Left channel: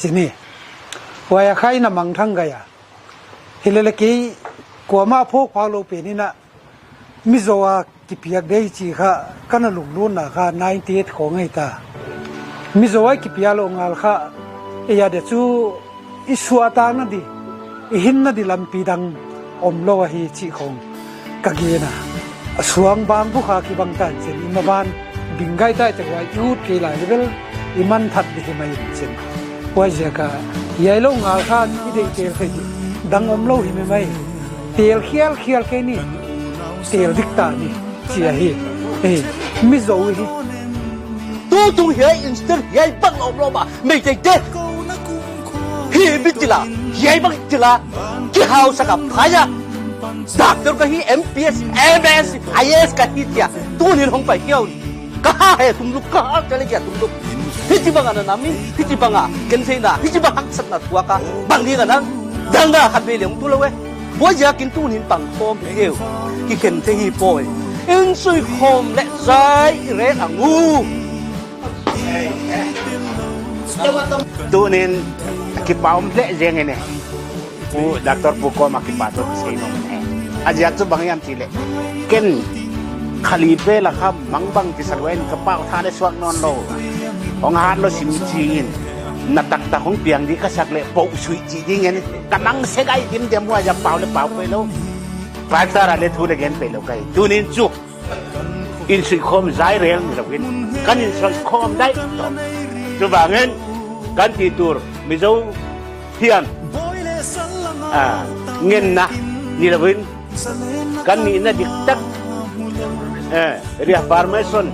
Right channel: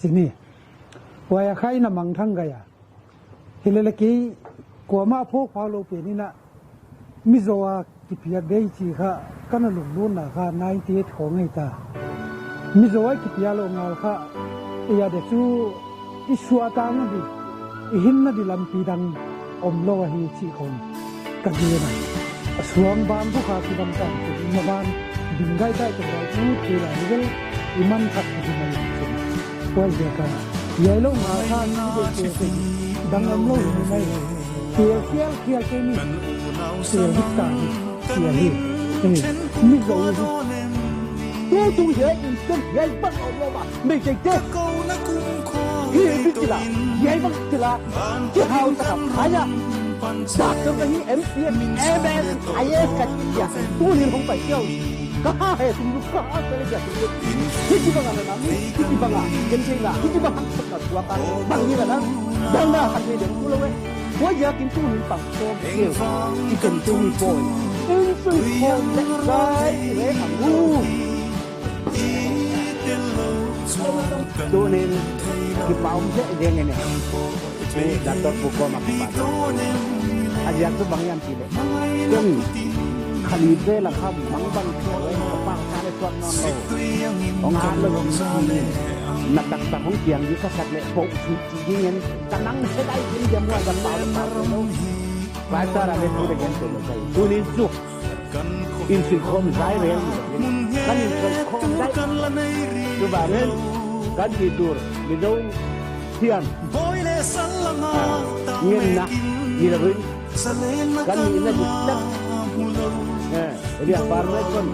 สินี่ว่าใครนำมังทั้งกายเฮเลลกี้กว่ามาพกพาโลเปนี่นะมิโซวากิเปียกได้จีค่ะกันลุงลุ่นนะค่ะ98ของไอ้ตามิโซวากิเปียโลงาลค่ะเอียเดจูอิสวาตานะดิหินนะดิลำปีดังอมโลวะฮีจีของกะเกนะสวงบางผู้ขาคิบังตันเช่นอิมาบานบิงไกได้แต่ว่ายูดเกลายเลเวลอิมันทัดดิไม่เช่นว่าเจ้าก็ยายลงอาคาที่เด็กเตลเคยดังอมโลหิไม่เตลเขียลแค่นี้เตลดิกตานี่เสียฮีมิโซฮีตัวตุงเฮียอินสเตอร์เฮียบังอมโลมาไม่ใจเจ็บเฮียบิจิลาเฮียบังจิลาที่เฮาสกับพายาดักตัวก็ฮี MPS MS IS กันที่เดียตัวนี้ลงไปเกี่ยวก็ให้ตุ้มลุกก็จะเลยตุ้มลุกพี่จิบังอันนั้นมีพี่จิบังอ่ะเกินเท่าน่ะพี่จิบังหักสัตว์น่ะตัวก็บางทีกันนะดังน่ะหันไปเหลียงตัวเลยเว้ยว่าอยากกินตู้นี้ปังโฟมเอวที่เกินเท่าฮีโป้ยอินซุยโคมและใจเรนอ่ะงูตู้นี้คิดว่าผมเละยังไงเนี่ยผู้ดักตอร์ผู้กอมาคิดว่าตัวเสียงอาจจะจะบางอย่างที่เละเกินขลีเปล่ะครับมังบังที่สลวยกระเป๋าท่าได้สวกนอนโลของหาดเราสิมจีนนัดตักตาของเปียงดีก็สักเละปุ๊บสุยจีดีเงี้ยกันนั่งเสกไอ้ทิมเดียมว่าจะเป่าเลยเป่าไปแล้วปลายตาเราทุเรศไปแล้วไงตู้นี้จุกอินสุยคมใจเรียงนี่เราเห็นกันอินสุยคมได้ตัวบางเงินกันที่ตัวมิโซเทียนเงินนะนี่เราเห็นกันนี่น่าดิตักเรียกฟาร์มเมสัน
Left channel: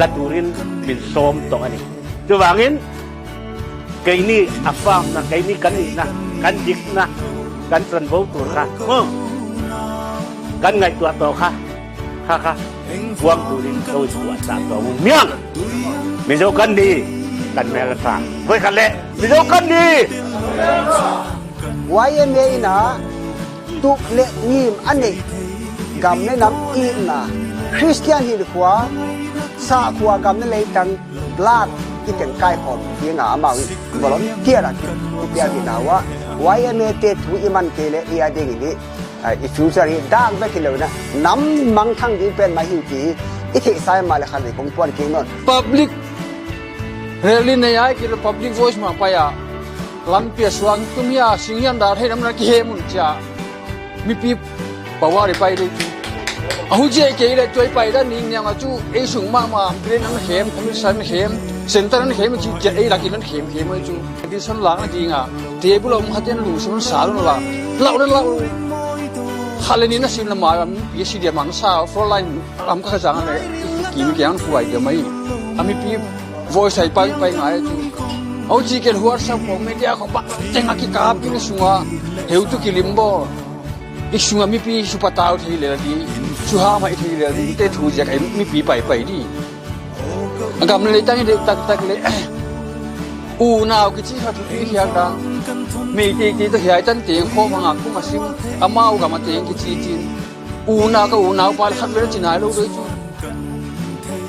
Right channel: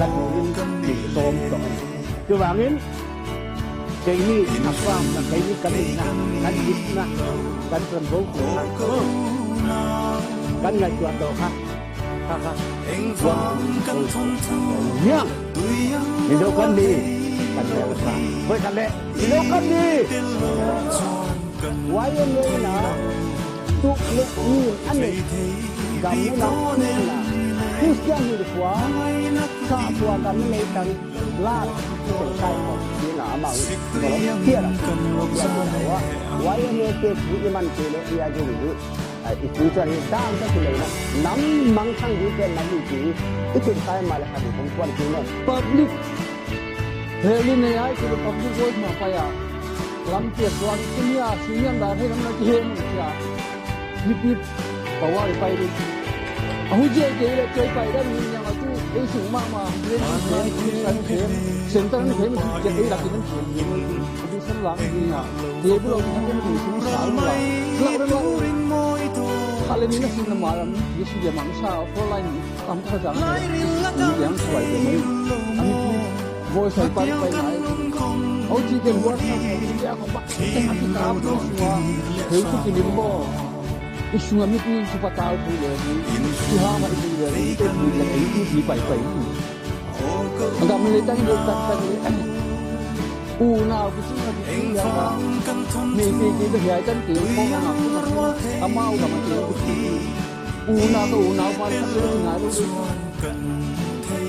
ลัดูรินเป็นโสมตัวนี้ตัวบางเงินไก่นี่อับฟังนะไก่นี่กันนี่นะกันจิกนะกันสันโวตัวค่ะมึงกันไงตัวโตค่ะค่ะวางตัวนี้ตัวตัวสามตัวเมียงมิโซกันดีกันแม่ละสามเฮ้ยกันเละมิโซกันดีไว้เมย์นะตุเละยิมอันนี้กำในน้ำอินนะคริสเตียนฮิลขวาสาขวากำในเลยตังลาดที่เป็นไก่หอมเพียงอามาวิบล็อกเกี่ยร์กันเกี่ยร์ที่นาว่าไว้เมย์เตถุอิมันเตเลเอียเดงินี่อีฟิวเจอร์ดังไปที่เลยนะน้ำมังทั้งที่เป็นมาหิวที่อีที่สายมาเลยคันนี้คงตัวกินนน public rally này ai kêu public voice mà phải à làm việc suan kumia singian dar hay namna ki hemun cha mi pi power pai đi ahu je ke le toy pai da ni nyang chu e sung ma brain an hem san hem center an hem chi je e la ki an hem chu di san lang ji nga table om haten lu sun sal la lau khale ni na sin na ma pi si de mang sa for line am ka jang ne ki kyang fuai de mai ami pi voice ai pai ngai chu au chi ken huar sa mo media ko ba teng aki kap ni sunga heu tu kilimbo isunga mi pi su patau thi le di su ha mai thi le di te thu jak mi pi pai di agam le tang de tak le u naw ki chi tha thu pi yang da mi ti to hiai tan te kho ma ku ma sim amau ga ma te ki chi tin u naw pal khat le chinai lo do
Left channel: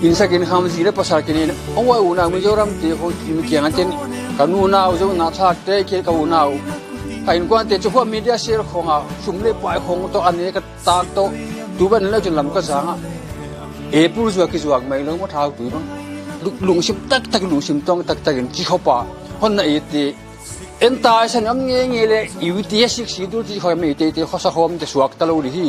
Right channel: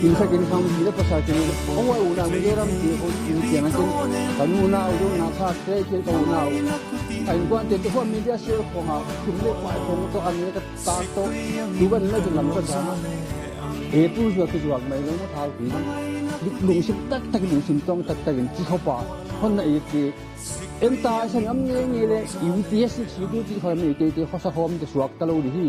insa kin kham ji le pasar kin awai una mi joram te ho mi kyang ten kanu naw jo na thak te ke ka unaw ain kwan te chu media share khonga sumle pai khong to ane ka tak to tu ban la jlam ka janga e pur ju ki juak mai lo mo thau tu bang lung sim tak lung sim tong tak ki khopa hon na e te en ta san am nge le UTS 6 si du ti khoi me te khosa khom te suak ta lo ri hi